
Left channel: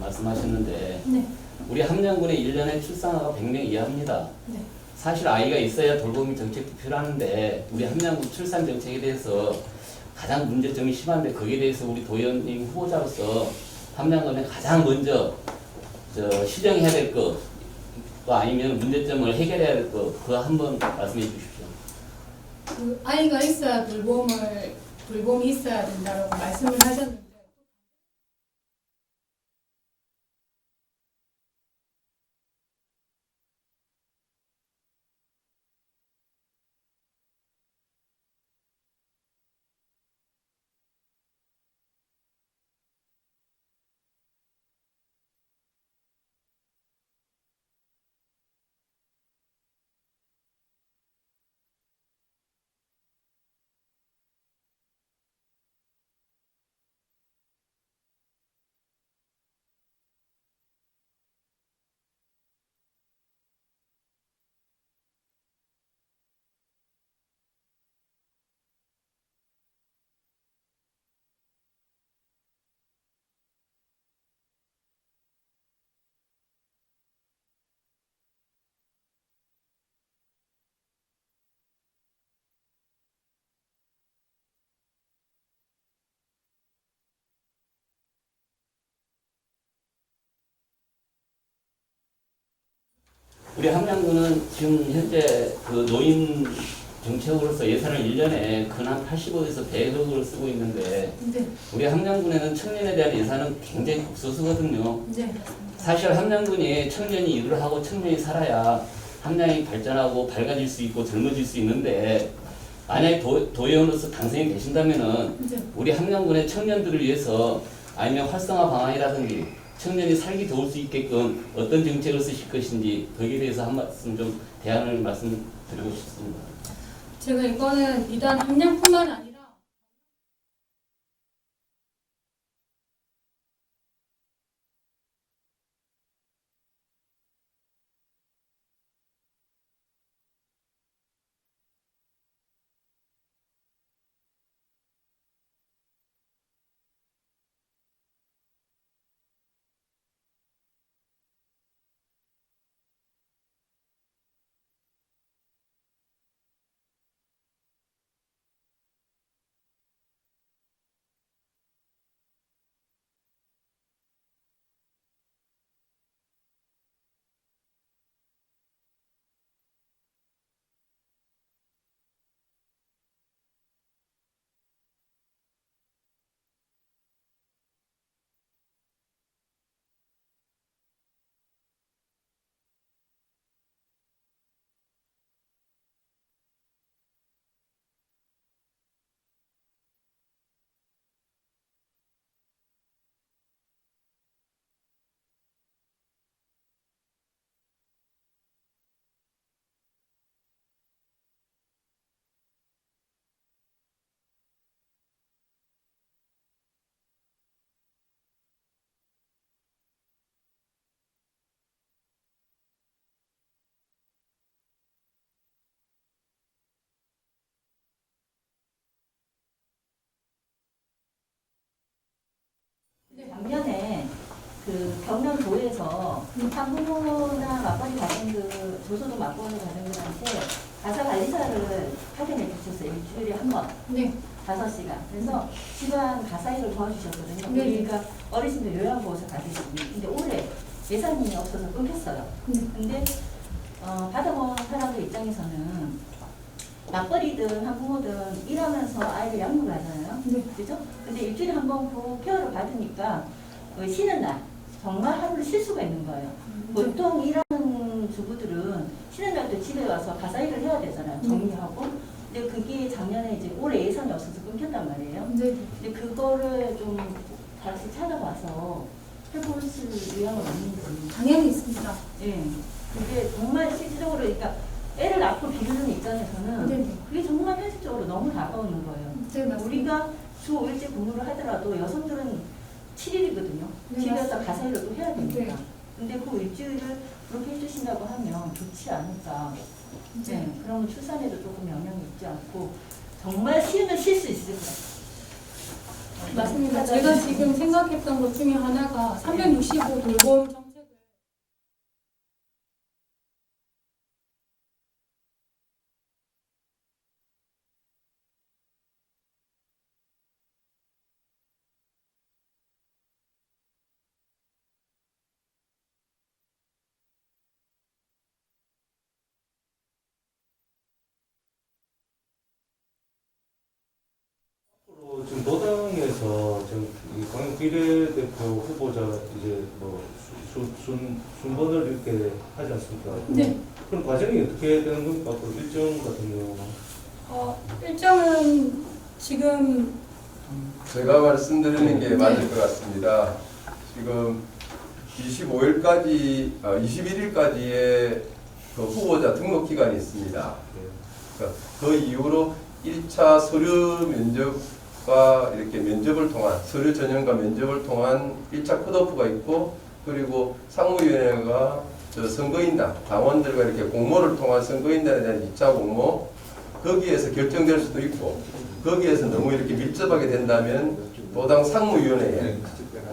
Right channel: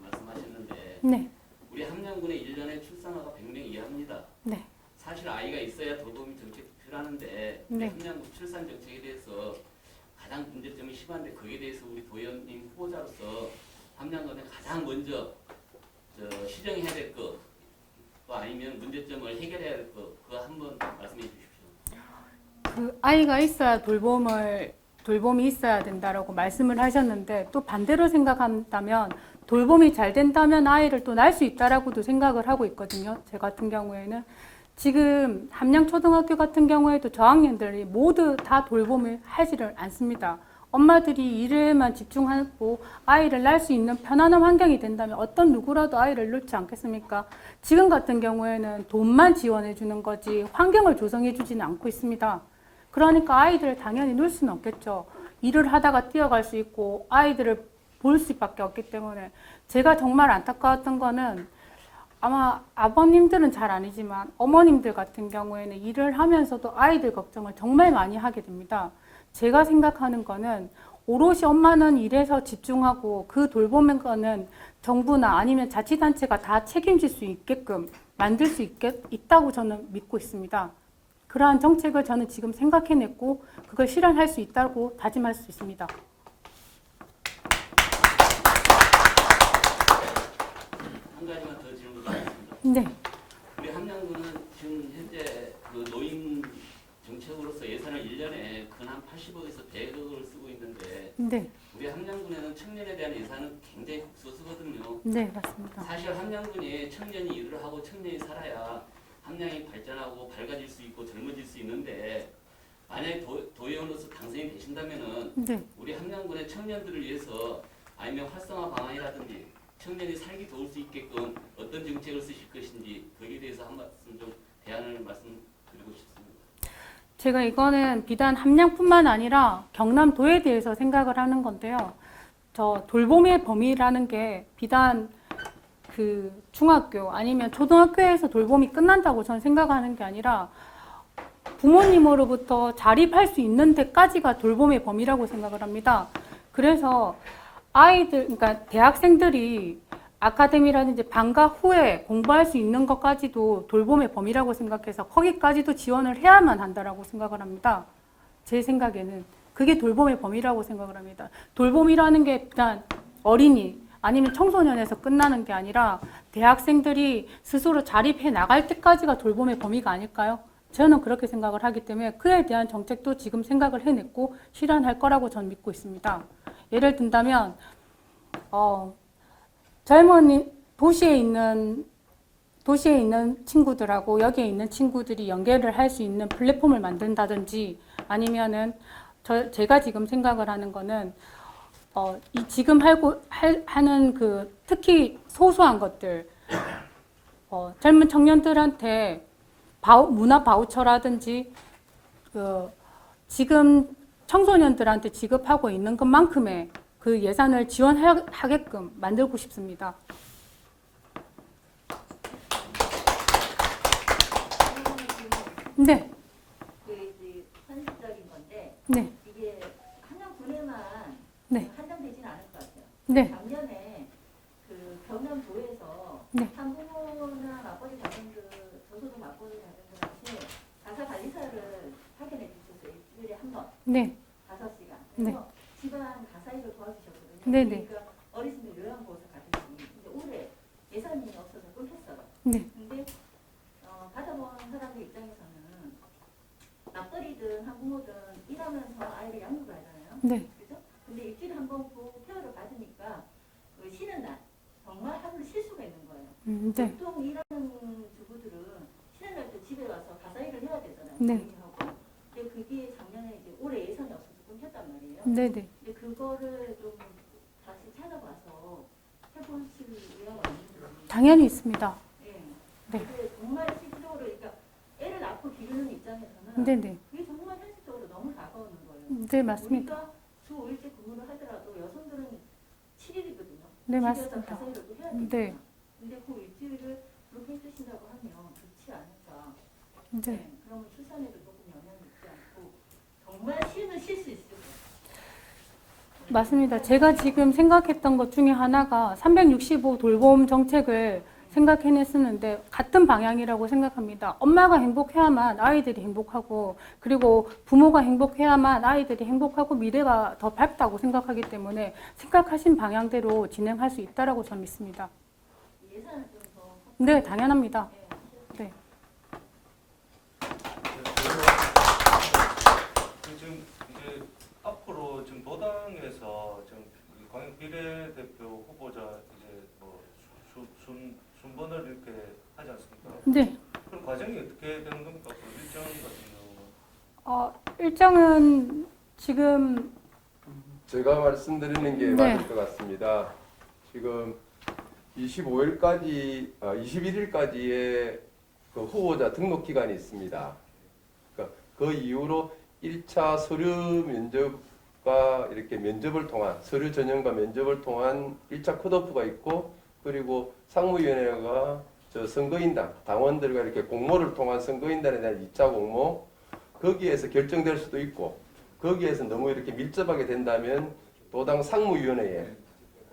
말씀하셨는데 네. 우리 함양군에 1년에 출산아가 100명 이하입니다. 네. 사실 아이가 있어야 돌보미 정책도 필요하는데 우리 함양군 출산 정책에 대해서 가장 문제점이 심한데 거기에 대해서 우리 도의원님 후보자로서 함양군에 가장 먼저 시정해야 될 것 또 아니면 문제점을 해결해야 될 것 그거 한번 말씀해 주십시오. 그 아이가 있어야 돌봄이 있어야 된다라고 말씀을 하셨는데 또 반대로 생각한다면 돌봄이 잘 된다면 아이를 또 낳을 수 있다라고도 생각을 하고 있거든요. 제 같은 경우에는 지금 함양초등학교 같은 경우에도 저학년들이 모두 다 돌봄을 하지를 않습니다. 엄마들이 일에만 집중하고 아이를 낳을 수 있는 편안한 환경이 된다면 어떤 누구라도 아이를 낳지 않겠습니까? 지금 같은 경우에는 돈만 지원해 주는 거지 환경을 조성해 주지는 않고 있습니다. 그러니까 아이들을 당연히 놓을 수는 없겠죠. 일을 하다가 뛰어갈 수 있고 아이들을 볼 수밖에 없기 때문에 제가 정말 안타까웠던 거는 아마 아버님들은 잘 아니지만 어머님들 같은 경우에는 일을 하면서도 아이들 걱정을 정말 많이 하게 됩니다. 제가 생각하는 거는 오롯이 엄마는 일에서 집중하고 그 돌보는 거는 정부나 아니면 자치단체가 다 책임질 수 있게끔 만들 수 있다고 저는 믿고 있습니다. 그러한 정책을 저는 지금 생각해냈고 그걸 실현할 수 있다고 다짐할 수 있습니다. 한 가지만 더 질문드리겠습니다. 네. 우리 함양군은 지금 현재 노인 정책으로서 예산을 1년에 근한 85에서 100억을 쓰고 있는데 네. 우리 함양군에는 청년에 대한 예산은 굉장히 극소수거든요. 네, 맞습니다. 사실 함양군이 청년이 일을 하고 청년이 살아야 함양이 발전하고 밝아질 수 있고 젊어질 수 있는데 만약에 도의원으로서 당선이 되신다면은 네. 우리 함양군의 청년들을 위해서 아니면 활성화 방안이라든지 청년이 살기 좋을 수 있게끔 어떤 정책을 쓰실 것인지 거기에 대해서 한 말씀 좀 대안을 말씀드리고 싶습니다. 제가 이거는 비단 함양뿐만 아니라 경남도에 대해서 생각을 하는 건데요. 저 돌봄의 범위라는 게 비단 그 중학교 아니면 초등학교에서 돌봄이 끝난다고 저는 생각하는 게 아니라 부모님으로부터 자립할 수 있는 데까지가 돌봄의 범위라고 생각을 합니다. 그래서 그러니까 대학생들이 아카데미라든지 방과 후에 공부할 수 있는 것까지도 돌봄의 범위라고 생각해서 거기까지도 지원을 해야만 한다라고 생각을 합니다. 제 생각에는 그게 돌봄의 범위라고 생각을 합니다. 돌봄이라는 게 일단 어린이 아니면 청소년에서 끝나는 게 아니라 대학생들이 스스로 자립해 나갈 때까지가 돌봄의 범위가 아닐까요? 저는 그렇게 생각을 하기 때문에 그에 대한 정책도 지금 생각을 해냈고 실현할 거라고 저는 믿고 있습니다. 예를 든다면 도시에 있는 친구들하고 여기에 있는 친구들이 연계를 할 수 있는 플랫폼을 만든다든지 아니면은 제가 지금 생각을 하는 거는 이 지금 하는 그 특히 소소한 것들 젊은 청년들한테 문화 바우처라든지 지금 청소년들한테 지급하고 있는 것만큼의 그 예산을 지원하게끔 만들고 싶습니다. 네. 이제 현실적인 건데 네. 이게 한양군에만 네. 한정되지는 않을 것 같아요. 네. 작년에 그 경남도에서 학부모나 맞벌이 가정들 조소도 맞벌이 가정들한테 가사 관리사를 파견해 주셨어요. 일주일에 한 번. 네. 5시간. 그래서 집안 가사일을 도와주셨거든요. 네. 그러니까 어르신들 요양보호사 가주시고. 근데 올해 예산이 없어서 끊겼어요. 네. 근데 받아본 사람들 입장에서는 맞벌이든 한부모든 일하면서 아이를 양육을 하잖아요. 네. 그죠? 근데 일주일에 한 번 그 케어를 받으니까 그 쉬는 날 정말 하루를 쉴 수가 있는 거예요. 네. 보통 일하는 주부들은 쉬는 날도 집에 와서 가사 일을 해야 되잖아요. 네. 정리하고. 근데 그게 작년에 이제 올해 예산이 없어서 끊겼단 말이에요. 네. 근데 그거를 좀 다시 찾아와서 해보실 의향은 없는지. 당연히 있습니다. 예. 근데 정말 실질적으로 그러니까 애를 낳고 기르는 입장에서는 네네. 그게 정말 현실적으로 너무 다가오는 거예요. 네, 맞습니다. 우리가 주 5일째 근무를 하더라도 여성들은 7일이거든요. 네, 집에서 맞습니다. 가사일을 또 해야 되니까. 네. 근데 그 일주일을 그렇게 해주신다고 하면 좋지 않을까. 네. 네. 그러면 출산에도 조금 영향이 있지 않고 정말 쉬면 쉴 수 있을 것 같아요. 맞습니다. 제가 지금 생각했던 것 중에 하나가 365 돌봄 정책을 생각해냈었는데 같은 방향이라고 생각합니다. 엄마가 행복해야만 아이들이 행복하고 그리고 부모가 행복해야만 아이들이 행복하고 미래가 더 밝다고 생각하기 때문에 생각하신 방향대로 진행할 수 있다라고 저는 믿습니다. 예산을 좀 더. 네, 당연합니다. 네. 지금 이제 앞으로 지금 노당에서 지금 이 광역 비례대표 후보자 이제 뭐 순번을 이렇게 하지 않습니까? 네. 그럼 과정이 어떻게 되는 겁니까? 앞으로 일정 같은 경우는? 일정은 지금 제가 말씀드리는 게 네. 맞을 것 같습니다. 지금 25일까지, 21일까지의 그 후보자 등록 기간이 있습니다. 그러니까 그 이후로 1차 서류 면접과 이렇게 면접을 통한 서류 전형과 면접을 통한 1차 컷오프가 있고 그리고 상무위원회가 선거인단, 당원들과 이렇게 공모를 통한 선거인단에 대한 2차 공모 거기에서 결정될 수도 있고 거기에서 너무 이렇게 밀접하게 된다면 도당 상무위원회에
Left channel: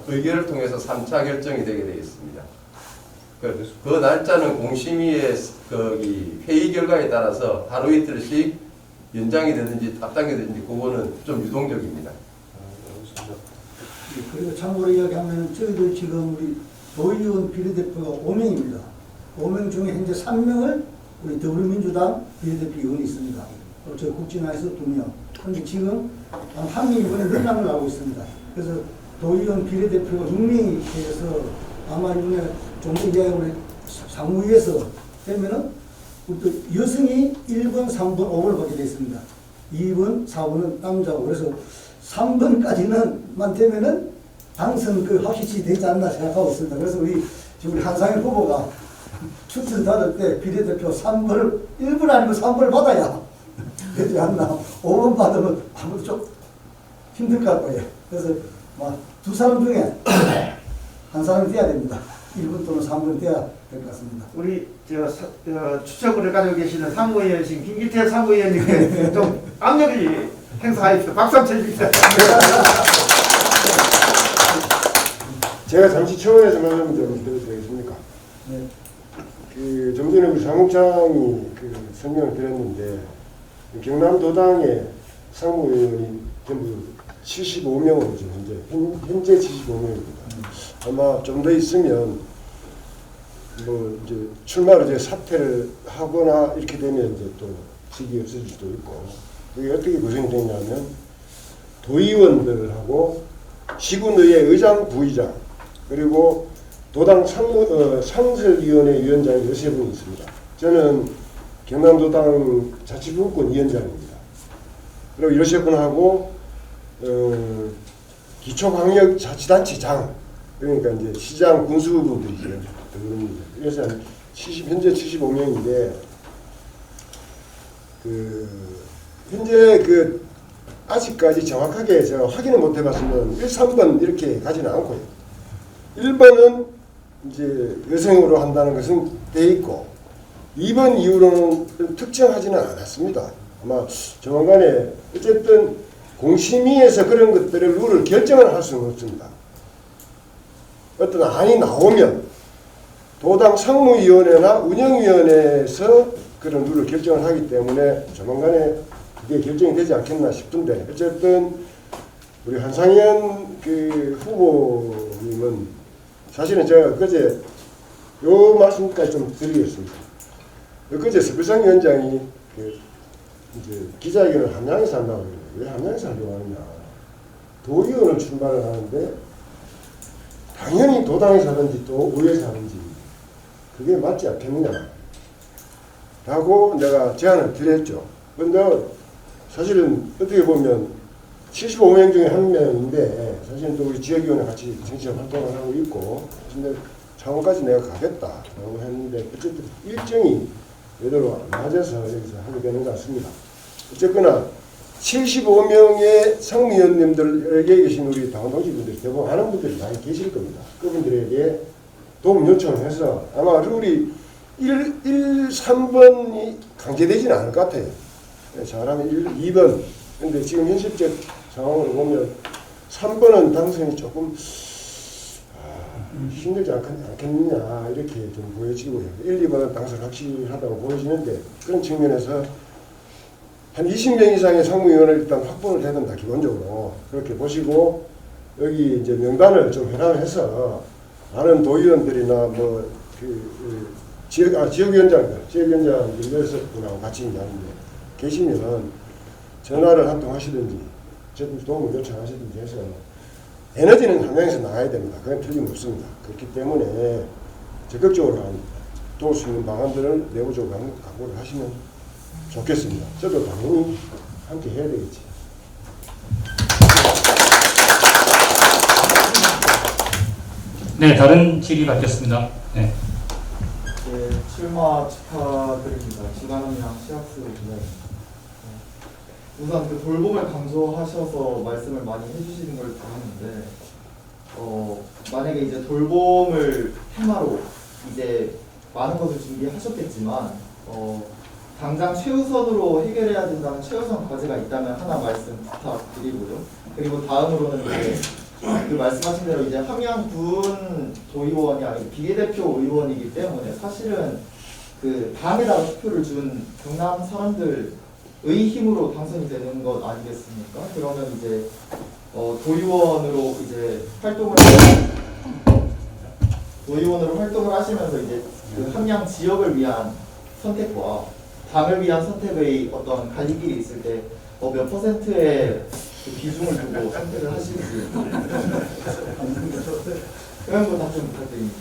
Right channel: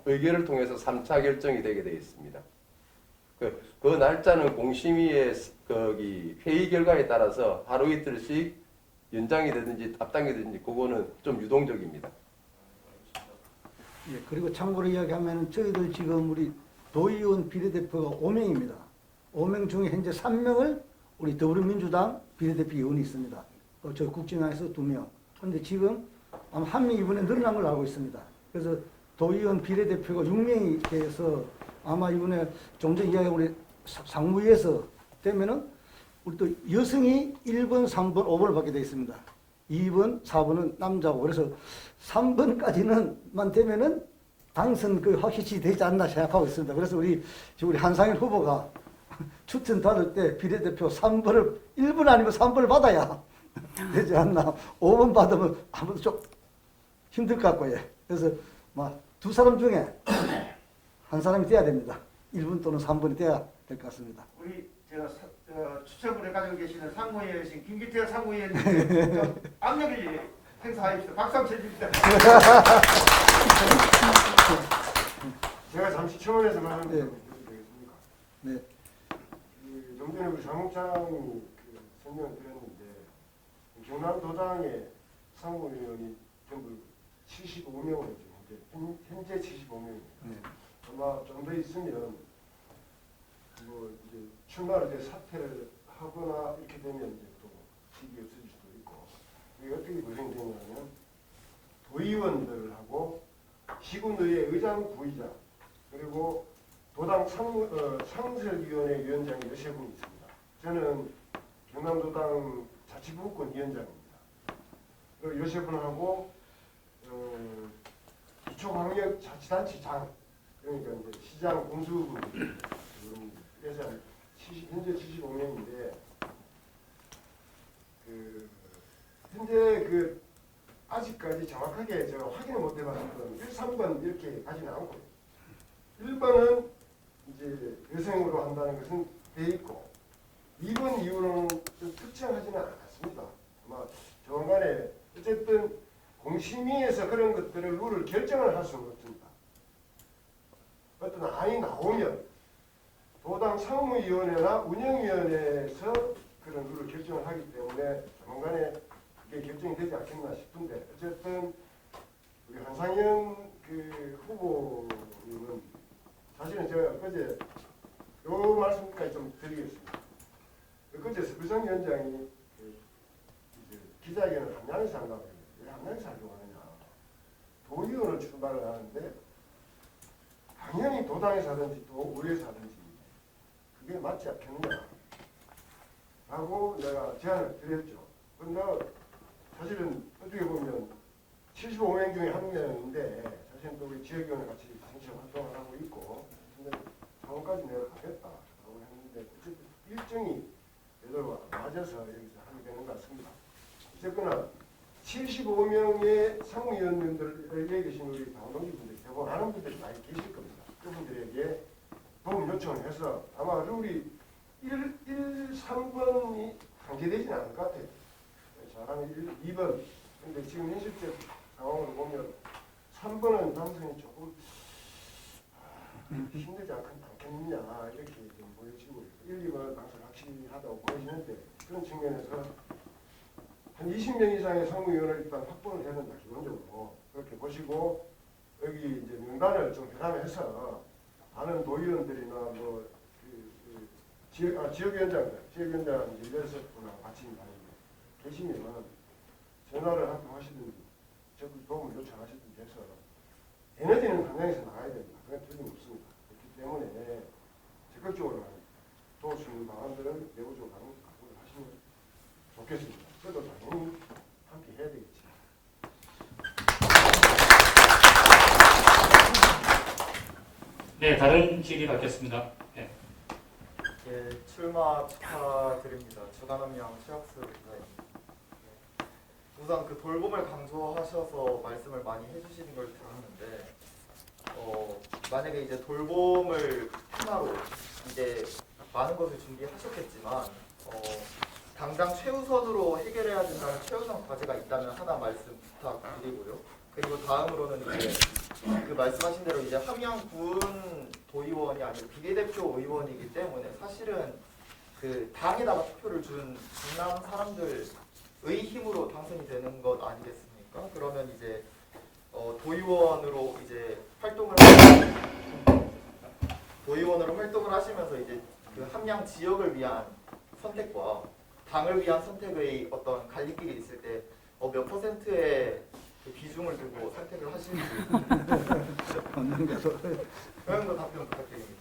의결을 통해서 3차 결정이 되게 되어 있습니다. 그 날짜는 공심위의 회의 결과에 따라서 하루 이틀씩 연장이 되든지 앞당겨든지 그거는 좀 유동적입니다. 그리고 참고로 이야기하면 저희들 지금 우리 도의원 비례대표가 5명입니다. 5명 중에 현재 3명을 우리 더불어민주당 비례대표 의원이 있습니다. 저 국진화에서 2명. 근데 지금 한 명이 이번에 늘어남을 하고 있습니다. 그래서 도의원 비례대표가 6명이 돼서 아마 이번에 좀 전에 우리 상무위에서 되면은 우리 또 여성이 1번, 3번, 5번을 받게 되어 있습니다. 2번, 4번은 남자고 그래서 3번까지는만 되면은 당선 그 확실히 되지 않나 생각하고 있습니다. 그래서 우리 한상일 후보가 추천 받을 때 비례대표 3번을 1번 아니면 3번을 받아야 되지 않나. 5번 받으면 아무도 좀 힘들 것 같고 이제. 그래서 두 사람 중에 한 사람이 돼야 됩니다. 1번 또는 3번 돼야 될 것 같습니다. 우리 추천을 가지고 계시는 상무위원이신 김기태 상무위원님 좀 압력이 행사하십시오. 박수 한번 쳐주십시오. 제가 잠시 청원에서 말하면 좀 드려도 되겠습니까? 네. 그 좀 전에 우리 사무장이 그 설명을 드렸는데 경남도당의 상무위원이 전부 75명으로 지금 현재 75명입니다. 아마 좀 더 있으면 뭐 이제 출마로 이제 사퇴를 하거나 이렇게 되면 이제 또 직이 없어질 수도 있고 그게 어떻게 구성되냐면 도의원들하고 시군의회 의장, 부의장 그리고 도당 상설위원회 위원장이 13분이 있습니다. 저는 경남도당 자치분권 위원장입니다. 그리고 13분하고 기초광역자치단체장, 그러니까 이제 시장 군수분들이에요. 그래서 현재 75명인데 현재 아직까지 정확하게 제가 확인을 못 해봤으면 1, 3번 이렇게 가지는 않고요. 1번은 이제 여성으로 한다는 것은 돼 있고 2번 이후로는 특정하지는 않았습니다. 아마 조만간에 어쨌든 공심위에서 그런 것들을 룰을 결정을 할 수는 없습니다. 어떤 안이 나오면 도당 상무위원회나 운영위원회에서 그런 룰을 결정을 하기 때문에 조만간에 그게 결정이 되지 않겠나 싶은데 어쨌든 우리 한상현 후보님은 사실은 제가 그제 요 말씀까지 좀 드리겠습니다. 그제 서비상 위원장이 이제 기자회견을 함양에서 한다고 그래요. 왜 함양에서 하려고 하느냐. 도의원을 출마를 하는데 당연히 도당에서 하든지 또 의회에서 하든지 그게 맞지 않겠느냐 라고 내가 제안을 드렸죠. 그런데 사실은 어떻게 보면 75명 중에 한 명인데 사실은 또 우리 지역위원회 같이 정치적 활동을 하고 있고 근데 창원까지 내가 가겠다라고 했는데 어쨌든 일정이 외도로 안 맞아서 여기서 하게 되는 것 같습니다. 어쨌거나 75명의 상무위원님들에게 계신 우리 당원 동지분들이 대부분 아는 분들이 많이 계실 겁니다. 그분들에게 도움 요청을 해서 아마 룰이 1, 3번이 강제되지는 않을 것 같아요. 잘하면 2번. 근데 지금 현실적 상황으로 보면 3번은 당선이 조금 힘들지 않겠느냐 이렇게 좀 보여지고요. 1, 2번은 당선 확실하다고 보여지는데 그런 측면에서 한 20명 이상의 상무위원을 일단 확보를 해야 된다. 기본적으로 그렇게 보시고 여기 이제 명단을 좀 회람해서 아는 도의원들이나 지역위원장들 16분하고 같이 이제 계시면 전화를 한 통 하시든지 저도 도움을 요청하시든지 해서 에너지는 함양에서 나가야 됩니다. 그건 틀림없습니다. 그렇기 때문에 적극적으로 도울 수 있는 방안들을 내부적으로 각오를 하시면 좋겠습니다. 저도 당연히 함께 해야 되겠지. 네, 다른 질의 받겠습니다. 네. 네, 출마 축하드립니다. 지관원이랑 시학스 기자입니다. 우선 돌봄을 강조하셔서 말씀을 많이 해주시는 걸 들었는데, 만약에 이제 돌봄을 테마로 이제 많은 것을 준비하셨겠지만, 당장 최우선으로 해결해야 된다는 최우선 과제가 있다면 하나 말씀 부탁드리고요. 그리고 다음으로는 이제 그 말씀하신 대로 이제 함양군 도의원이 아니고 비례대표 의원이기 때문에 사실은 그 당에다가 투표를 준 경남 사람들의 힘으로 당선이 되는 것 아니겠습니까? 그러면 이제 도의원으로 이제 활동을 하시면서 이제 그 함양 지역을 위한 선택과 당을 위한 선택의 어떤 갈림길이 있을 때 몇 퍼센트의 그 비중을 두고 선택을 하실지 그런 거 답변 부탁드립니다.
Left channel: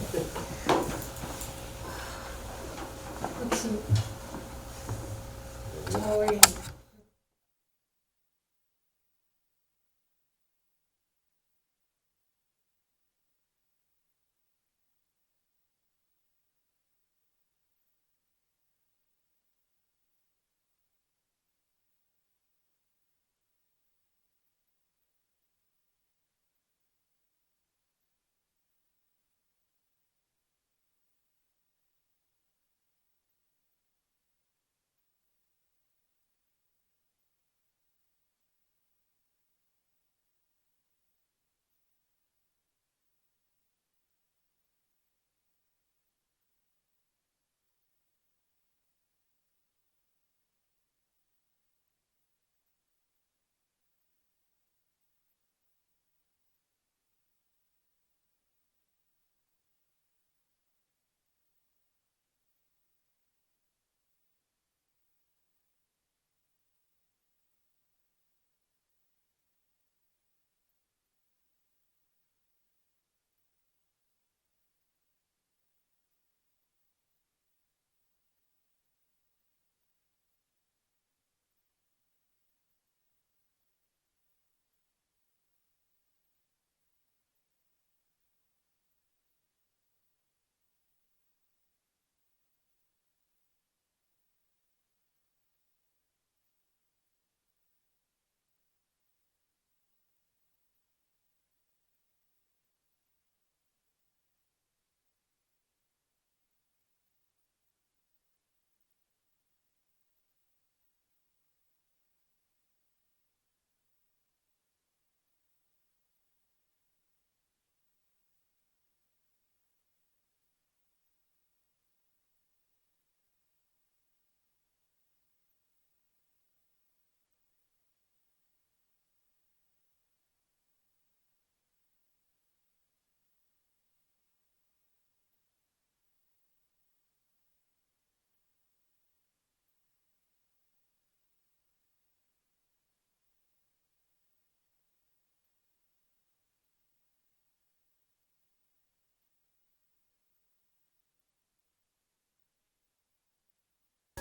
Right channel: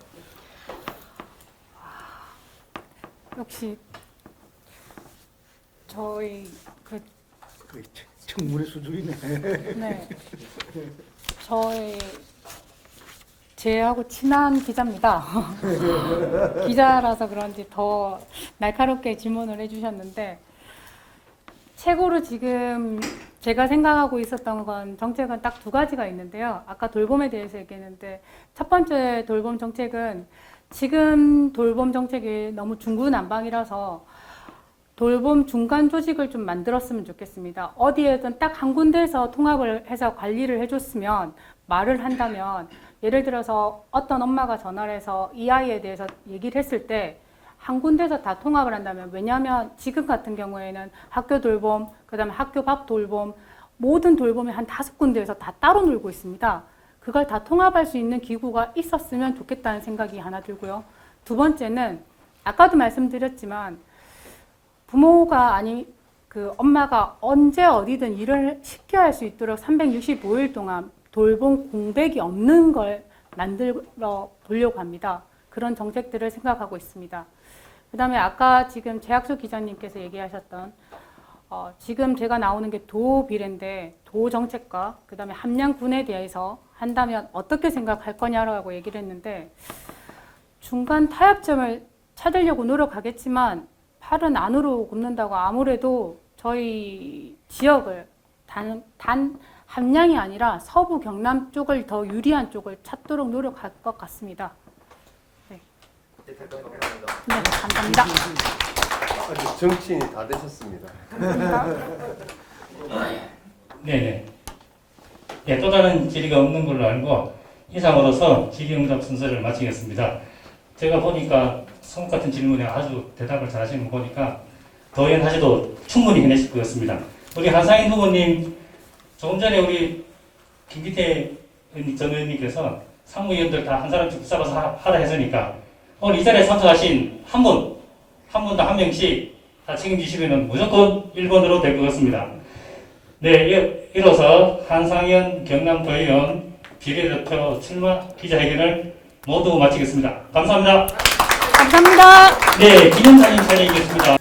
혹시 저희 청문회 수준이네. 네 제하고 친한 기자입니다. 기자라서 그런지 더 날카롭게 질문을 해주셨는데 최고로 지금 제가 생각하고 있었던 건 정책은 딱 두 가지가 있는데요. 아까 돌봄에 대해서 얘기했는데 첫 번째 돌봄 정책은 지금 돌봄 정책이 너무 중구난방이라서 돌봄 중간 조직을 좀 만들었으면 좋겠습니다. 어디에든 딱 한 군데에서 통합을 해서 관리를 해줬으면 말을 한다면 예를 들어서 어떤 엄마가 전화를 해서 이 아이에 대해서 얘기를 했을 때 한 군데서 다 통합을 한다면 왜냐하면 지금 같은 경우에는 학교 돌봄, 그 다음에 학교 밥 돌봄 모든 돌봄이 한 5군데에서 다 따로 놀고 있습니다. 그걸 다 통합할 수 있는 기구가 있었으면 좋겠다는 생각이 하나 들고요. 두 번째는 아까도 말씀드렸지만 부모가 아니 그 엄마가 언제 어디든 일을 쉽게 할 수 있도록 365일 동안 돌봄 공백이 없는 걸 만들어 보려고 합니다. 그런 정책들을 생각하고 있습니다. 그 다음에 아까 지금 재학수 기자님께서 얘기하셨던 지금 제가 나오는 게 도 비례인데 도 정책과 그 다음에 함량분에 대해서 한다면 어떻게 생각할 거냐라고 얘기를 했는데 중간 타협점을 찾으려고 노력하겠지만 팔은 안으로 굽는다고 아무래도 저희 지역을 단 함량이 아니라 서부 경남 쪽을 더 유리한 쪽을 찾도록 노력할 것 같습니다. 네, 감사합니다. 정치인이 다 되셨습니다. 네네. 예, 또 다른 질의가 없는 걸로 알고 이상으로서 질의응답 순서를 마치겠습니다. 제가 보니까 성욱 같은 질문에 아주 대답을 잘하시는 거 보니까 도의원하셔도 충분히 해내실 것 같습니다. 우리 한상인 후보님, 조금 전에 우리 김기태 전 의원님께서 상무위원들 다 한 사람씩 붙잡아서 하라 했으니까 오늘 이 자리에 참석하신 한 분당 한 명씩 다 책임지시면 무조건 1번으로 될 것 같습니다. 네, 이로써 한상현 경남도의원 비례대표 출마 기자회견을 모두 마치겠습니다. 감사합니다. 감사합니다. 네, 기념사진 촬영이겠습니다.